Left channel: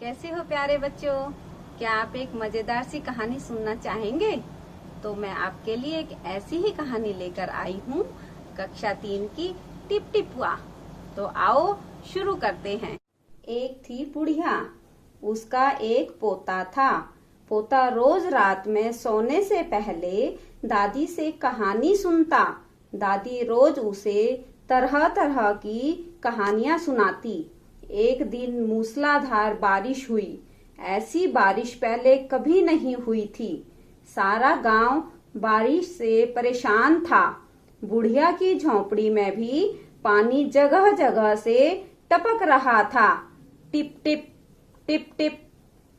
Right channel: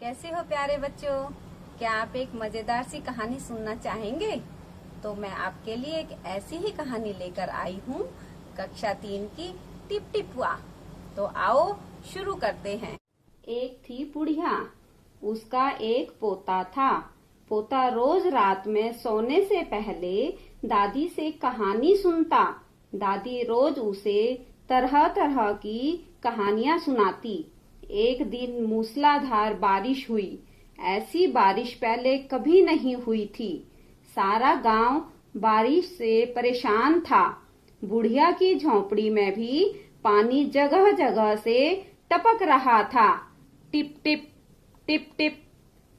कैसे हो प्यारे बच्चों। क्या आप एक मजेदार सी कहानी सुनना चाहेंगे? तो मैं आपके लिए एक ऐसी ही कहानी लेकर आई हूँ, कक्षा 3 की टिप टिपुआ। तो आओ शुरू करते हैं। एक थी बुढ़िया, उसका एक पोता था। पोता रोज रात में सोने से पहले दादी से कहानी सुनता। दादी रोज उसे तरह तरह की कहानियां सुनाती। एक दिन मूसलाधार बारिश हुई। ऐसी बारिश पहले कभी नहीं हुई थी। सारा गांव बारिश से परेशान था। बुढ़िया की झोंपड़ी में भी पानी जगह जगह से टपक रहा था। Tip tip tip tip.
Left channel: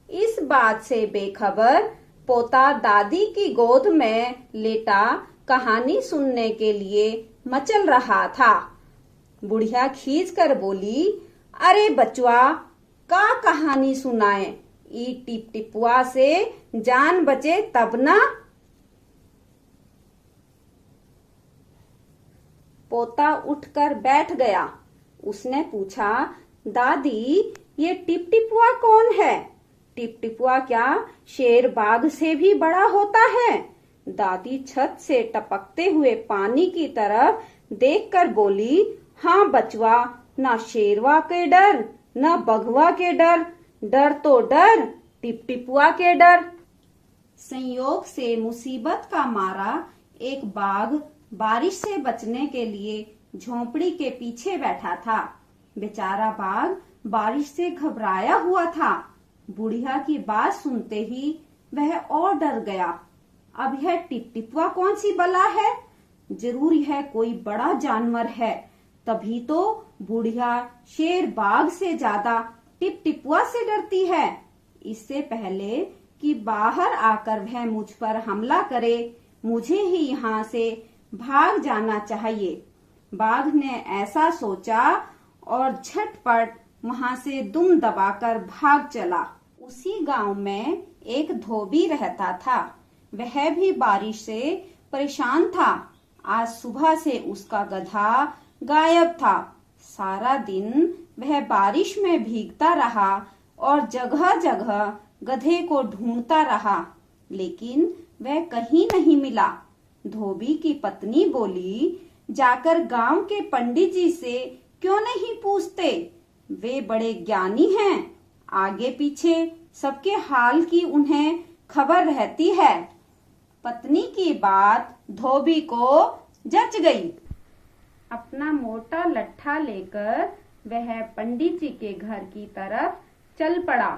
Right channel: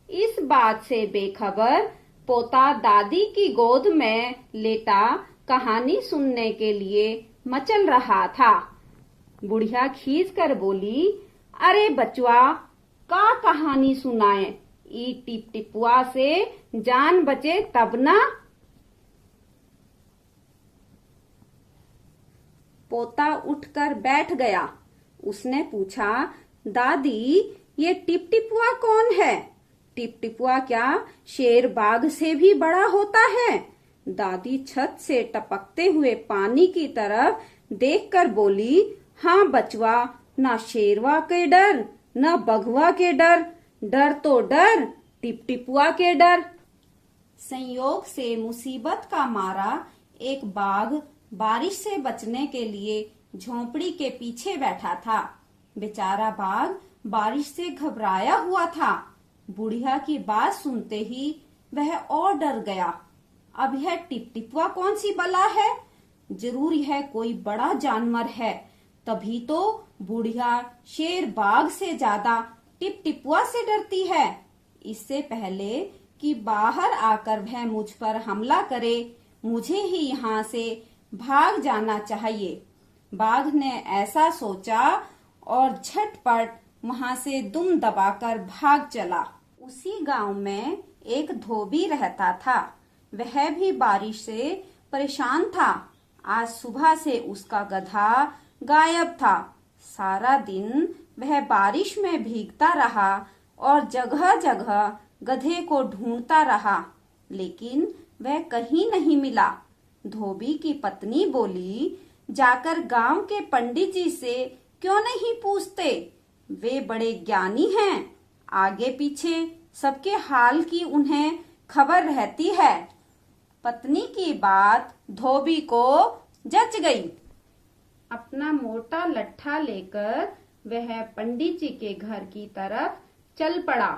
इस बात से बेखबर पोता दादी की गोद में लेटा कहानी सुनने के लिए मचल रहा था। बुढ़िया खींच कर बोली, अरे बचुआ, का कहानी सुनाए? ई टिप टिपुआ से जान बचे तब ना। पोता उठकर बैठ गया। उसने पूछा, दादी, ये टिप टिपुआ कौन है? टिप टिपुआ क्या शेर बाघ से भी बड़ा होता है? दादी छत से टपकते हुए पानी की तरफ देखकर बोली, हाँ बचवा, ना शेरवा के डर, ना बघवा के डर, डर तो डर टिप टिपुआ के डर। संयोग से मुसीबत का मारा एक बाघ बारिश से बचने के लिए झोंपड़ी के पीछे बैठा था। बेचारा बाघ बारिश से घबराया हुआ था। बुढ़िया की बात सुनते ही वह और डर गया। अब यह टिप टिपुआ कौन सी बला है? जरूर यह कोई बड़ा जानवर है, तभी तो बुढ़िया शेर बाघ से ज्यादा टिप टिपुआ से डरती है। इससे पहले कि बाहर आकर वह मुझ पर हमला करे, मुझे ही यहाँ से भाग जाना चाहिए। बाघ ने ऐसा सोचा और झटपट वहां से दुम दबाकर भाग चला। उसी गांव में एक धोबी रहता था। वह भी बारिश से परेशान था। आज सुबह से उसका गधा गायब था। सारा दिन वह बारिश में भीगता रहा और जगह जगह गधे को ढूंढता रहा, लेकिन वह कहीं नहीं मिला। धोबी की पत्नी बोली, जाकर गांव के पंडित जी से क्यों नहीं पूछते? वे बड़े ज्ञानी हैं, आगे पीछे सबके हाल की उन्हें खबर रहती है। पत्नी की बात धोबी को जच गई। अपना मोटा लट्ठा लेकर वह पंडित जी के घर की तरफ चल पड़ा।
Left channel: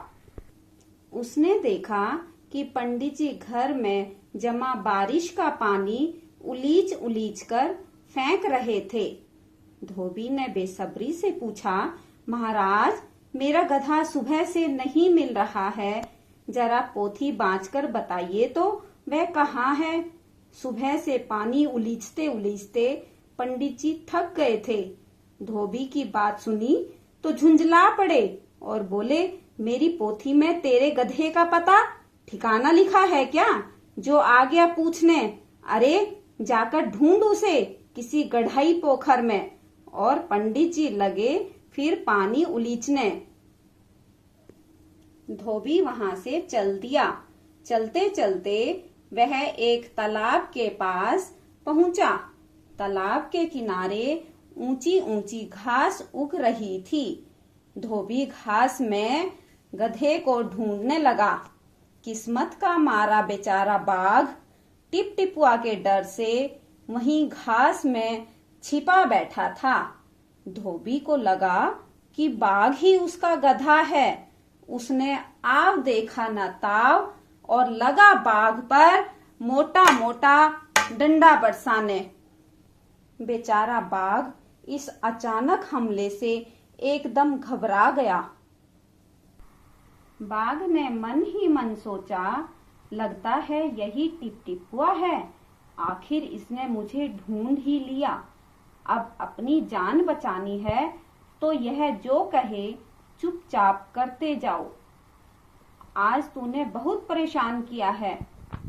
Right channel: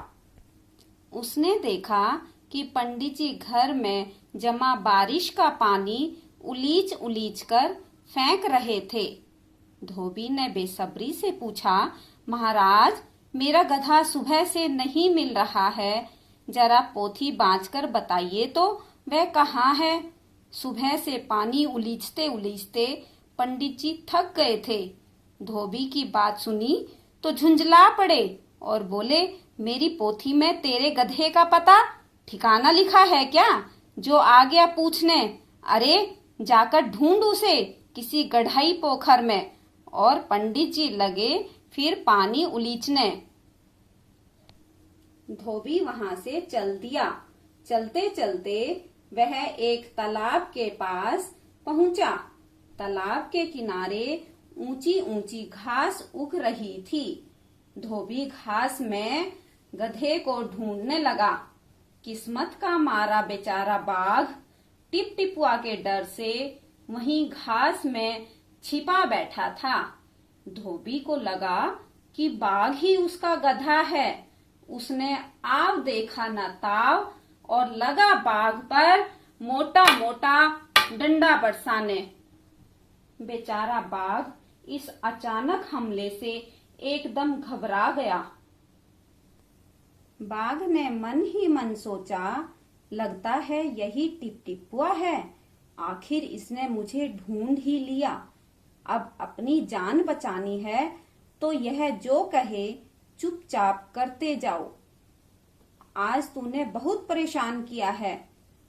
उसने देखा कि पंडित जी घर में जमा बारिश का पानी उलीच उलीच कर फेंक रहे थे। धोबी ने बेसब्री से पूछा, महाराज, मेरा गधा सुबह से नहीं मिल रहा है, जरा पोथी बांचकर बताइए तो वह कहाँ है? सुबह से पानी उलीचते उलीचते पंडित जी थक गए थे। धोबी की बात सुनी तो झुंझला पड़े और बोले, मेरी पोथी में तेरे गधे का पता ठिकाना लिखा है क्या, जो आ गया पूछने? अरे जाकर ढूंढ उसे किसी गढ़ाई पोखर में। और पंडित जी लगे फिर पानी उलीचने। धोबी वहां से चल दिया। चलते चलते वह एक तालाब के पास पहुंचा। तालाब के किनारे ऊंची ऊंची घास उग रही थी। धोबी घास में गधे को ढूंढने लगा। किस्मत का मारा बेचारा बाघ टिप टिपुआ के डर से वहीं घास में छिपा बैठा था। धोबी को लगा कि बाघ ही उसका गधा है। उसने आव देखा न ताव और लगा बाघ पर मोटा मोटा डंडा बरसाने। बेचारा बाघ इस अचानक हमले से एकदम घबरा गया। बाघ ने मन ही मन सोचा, लगता है यही टिप टिपुआ है। आखिर इसने मुझे ढूंढ ही लिया। अब अपनी जान बचानी है तो यह जो कहे चुपचाप करते जाओ। आज तूने बहुत परेशान किया है,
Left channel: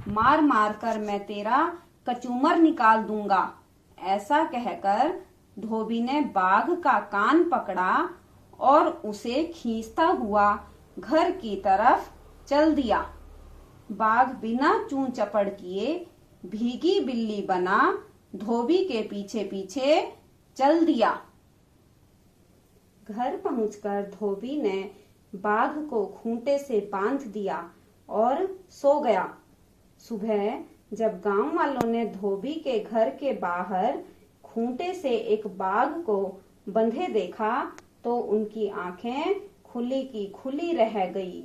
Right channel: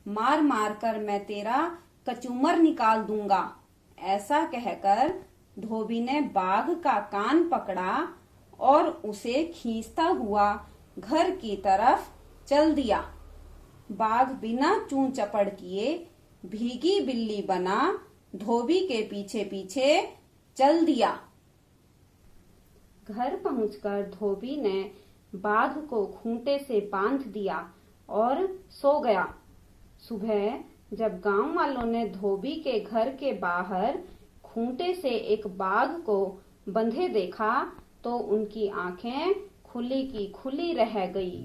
मार मार कर मैं तेरा कचूमर निकाल दूंगा। ऐसा कहकर धोबी ने बाघ का कान पकड़ा और उसे खींचता हुआ घर की तरफ चल दिया। बाघ बिना चूं चपड़ किए भीगी बिल्ली बना धोबी के पीछे पीछे चल दिया। घर पहुंचकर धोबी ने बाघ को खूंटे से बांध दिया और सो गया। सुबह जब गांव वालों ने धोबी के घर के बाहर खूंटे से एक बाघ को बंधे देखा तो उनकी आंखें खुली की खुली रह गई।